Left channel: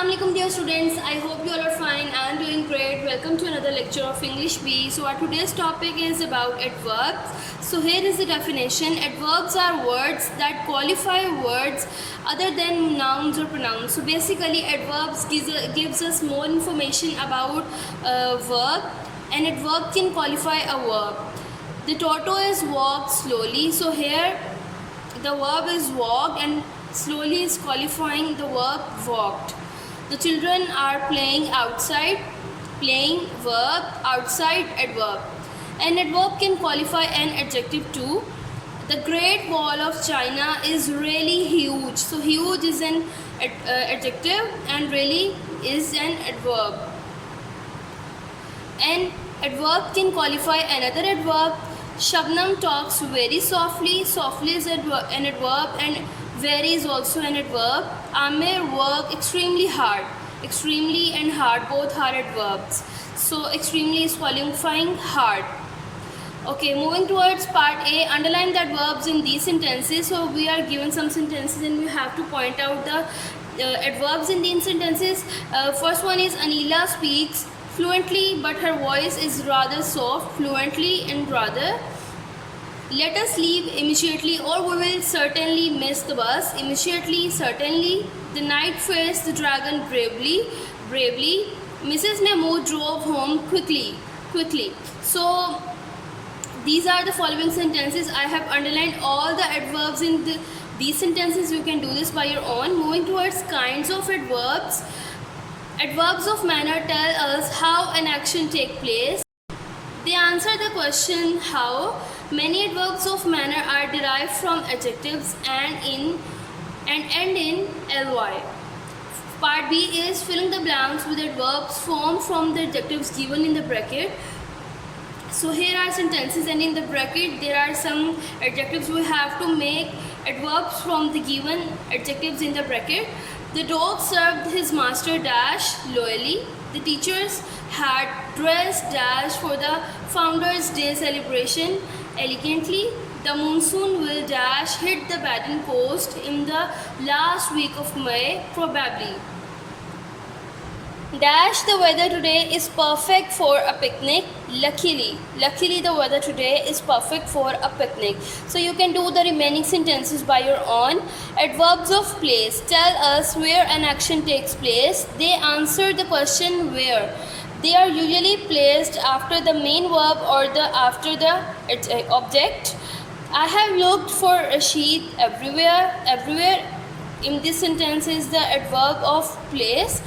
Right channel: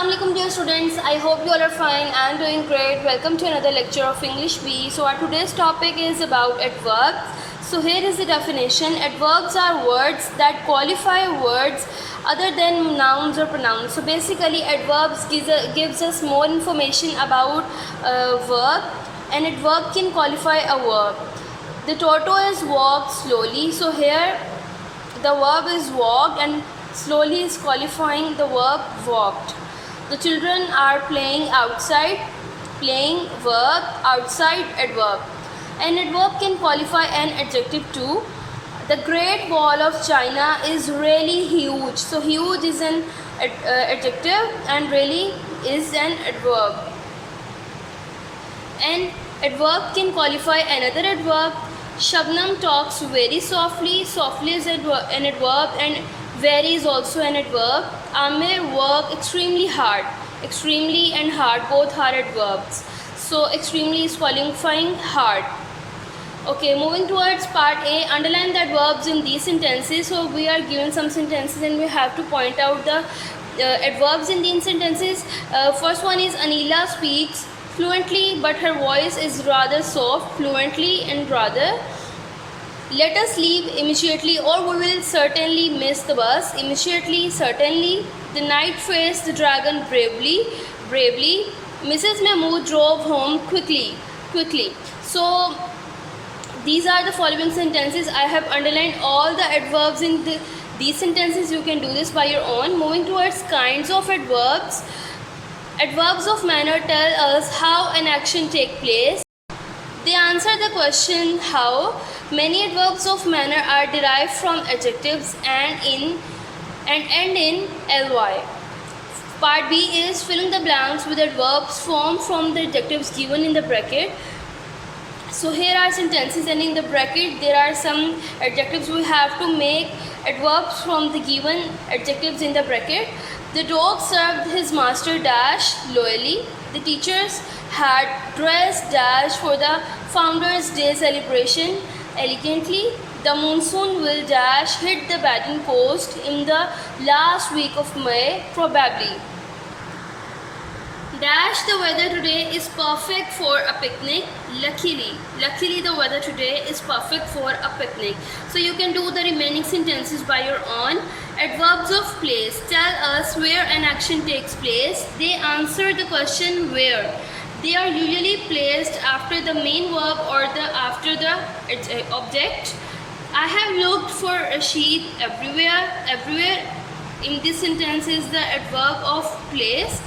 Assalamu alaikum dear students, I hope you all are fine and doing great. Welcome to another lecture of English B. So our today's topic is about adverbs. So here is the definition. Adverbs are words that qualify words other than nouns or pronouns. So basically adverbs gives us more information about a verb. An adverb can qualify a verb. The tortoise walked slowly. So here the verb is walked and slowly is qualifying the verb walked. The children are playing outside. Playing verb, outside adverb. An adverb can qualify an adjective too. The Great Wall of China is really huge. So huge is an adjective and really is an adverb. An adverb can qualify another adverb. Shabnam talks very softly. Softly is an adverb and very is also an adverb. Amir work extremely hard. Extremely and hard both are adverbs. So extremely is qualifying hard. Okay, moving towards part A. Underline the adverbs in these sentences. So we are given some sentences and we have to point out the adverbs in these sentences. First one is Anila speaks fluently but her voice is rather soft. Fluently and rather. Let us leave immediately or we will certainly miss the bus. Immediately, certainly. The knight faced the dragon bravely. Bravely. Mrs. Mahmood drove home quickly. Quickly. So these are the following sentences. I have underlined all the adverbs in these sentences. You can do this by your own. Moving towards kinds of adverbs. Adverbs of manner tell us how an action takes place. They answer the question how. Many adverbs of manner are derived from adjectives and end in ly. Part B is filling the blanks with adverbs formed from the adjectives given in the bracket. So here are sentences and in the bracket there are some adjectives. We have to make adverbs from the given adjectives in the bracket. The dog served his master dash loyally. The teachers had dressed dash for the Founders' Day celebration elegantly. The monsoon will dash hit the Baden coast in the last week of May probably. Dash the weather today is perfect for a picnic. Luckily the weather today is perfect for a picnic. So you can do the remaining sentences by your own. Adverbs of place tell us where an action takes place. They answer the question where. They are usually placed after the main verb or after the object. I have looked for Rashid everywhere. Everywhere in this sentence is the adverb of place.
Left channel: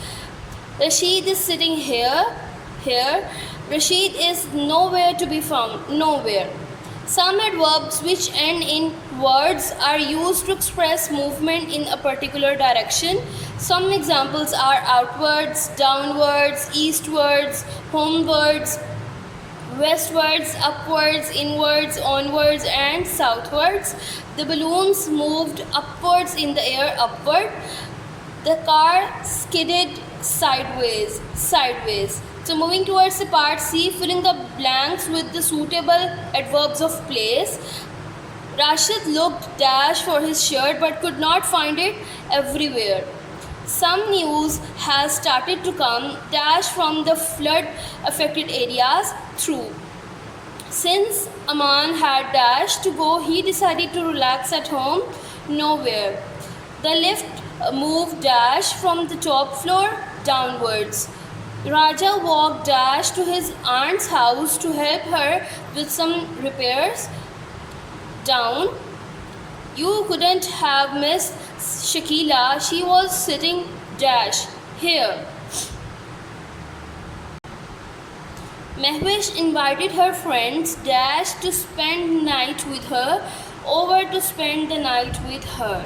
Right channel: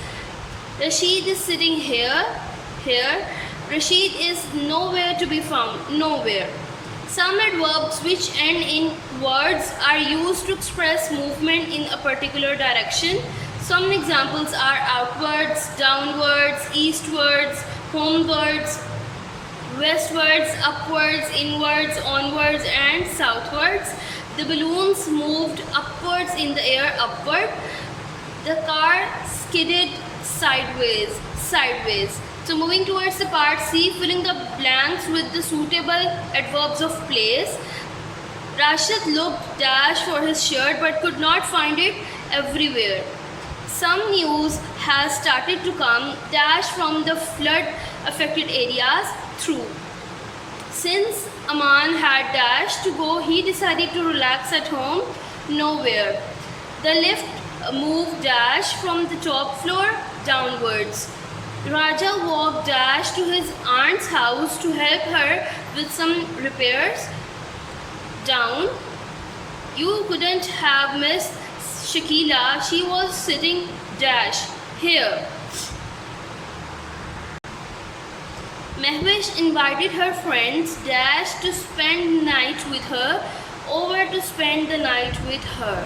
Rashid is sitting here. Here. Rashid is nowhere to be found. Nowhere. Some adverbs which end in words are used to express movement in a particular direction. Some examples are outwards, downwards, eastwards, homewards, westwards, upwards, inwards, onwards and southwards. The balloons moved upwards in the air, upward. The car skidded sideways. So moving towards the part C, filling the blanks with the suitable adverbs of place. Rashid looked dash for his shirt but could not find it everywhere. Some news has started to come dash from the flood affected areas through. Since Aman had dash to go, he decided to relax at home nowhere. The lift moved dash from the top floor downwards. Raja walked dash to his aunt's house to help her with some repairs. Down. You couldn't have missed Shakila. She was sitting dash here. Mehwish invited her friends dash to spend night with her. Over to spend the night with her.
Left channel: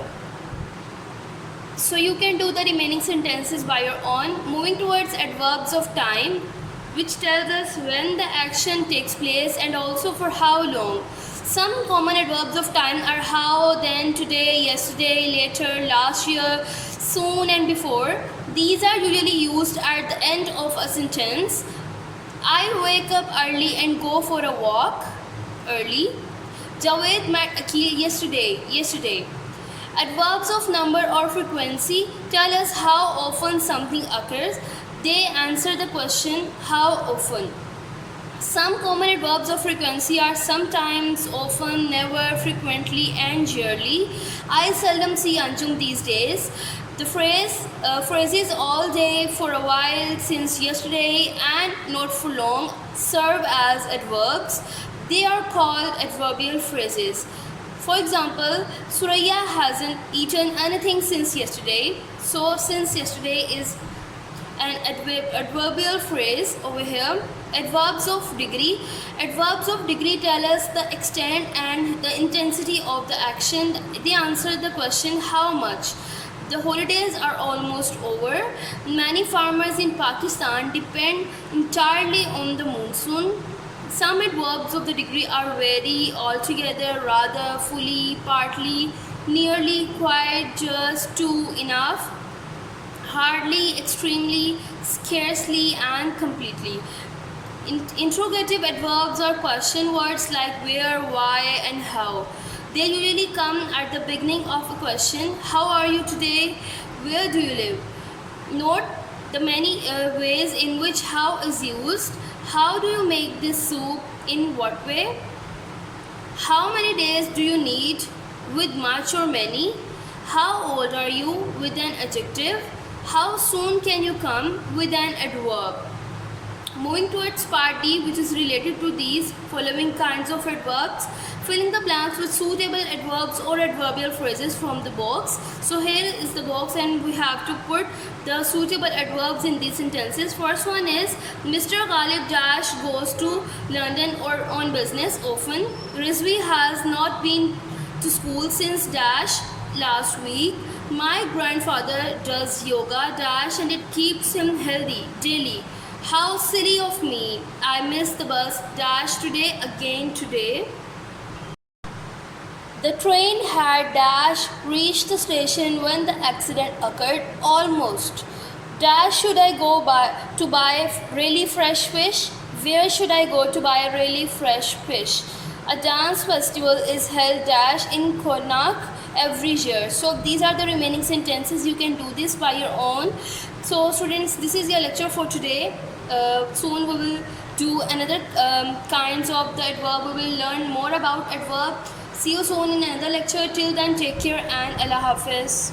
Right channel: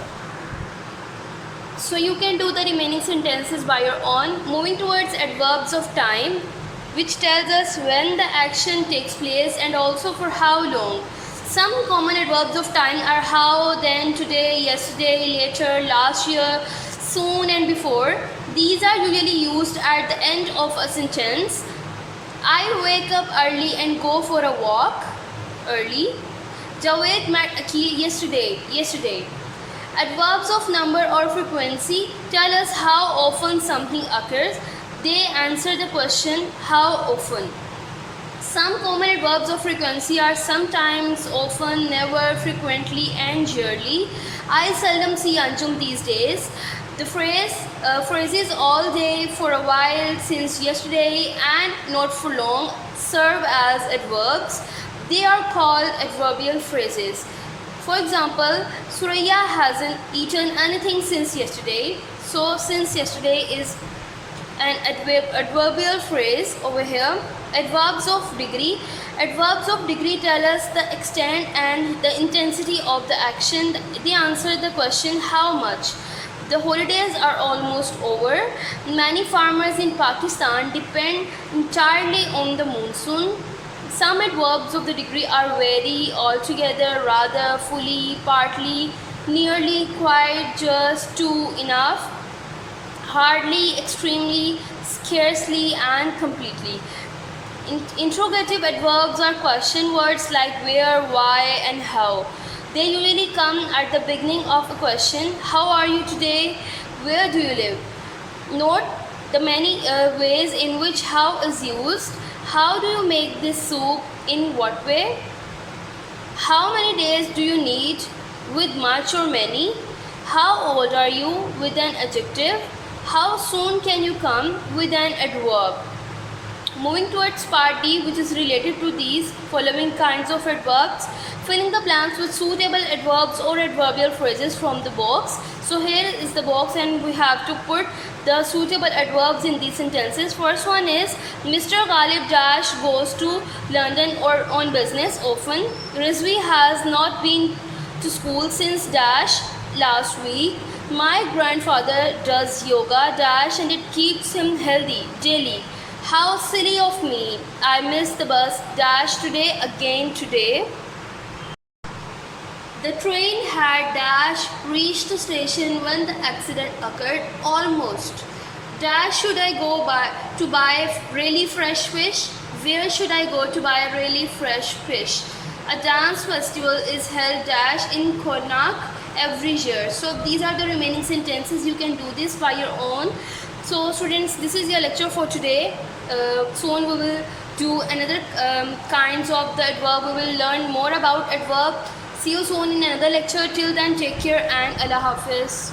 So you can do the remaining sentences by your own. Moving towards adverbs of time, which tells us when the action takes place and also for how long. Some common adverbs of time are how, then, today, yesterday, later, last year, soon and before. These are usually used at the end of a sentence. I wake up early and go for a walk. Early. Javed met Akhil yesterday. Adverbs of number or frequency tell us how often something occurs. They answer the question how often. Some common adverbs of frequency are sometimes, often, never, frequently, and rarely. I seldom see anjum these days. The phrases all day, for a while, since yesterday, and not for long serve as adverbs. They are called adverbial phrases. For example, Suraya hasn't eaten anything since yesterday. So, since yesterday is an adverbial phrase over here. Adverbs of degree. Adverbs of degree tell us the extent and the intensity of the action. They answer the question how much. The holidays are almost over. Many farmers in Pakistan depend entirely on the monsoon. Some adverbs of the degree are very, altogether, rather, fully, partly, nearly, quite, just, too, enough, hardly, extremely, scarcely, and completely. Interrogative adverbs are question words like where, why, and how. They usually come at the beginning of a question. How are you today? Where do you live? Note the many ways in which how is used. How do you make this soup? In what way? How many days do you need? With much or many? How old are you? With an adjective. How soon can you come? With an adverb. Moving towards part D, which is related to these following kinds of adverbs. Filling the blanks with suitable adverbs or adverbial phrases from the box. So here is the box and we have to put the suitable adverbs in these sentences. First one is Mr. Ghalib Dash goes to London or on business often. Rizvi has not been to school since Dash last week. My grandfather does yoga Dash and it keeps him healthy daily. How silly of me. I missed the bus Dash today again today. The train had Dash reached the station when the accident occurred almost. Dash should I go to buy really fresh fish? Where should I go to buy really fresh fish? A dance festival is held Dash in Konark every year. So these are the remaining sentences. You can do this by your own. So students, this is your lecture for today. Soon we will do another kinds of the adverb. We will learn more about adverb. See you soon in another lecture. Till then, take care and Allah Hafiz.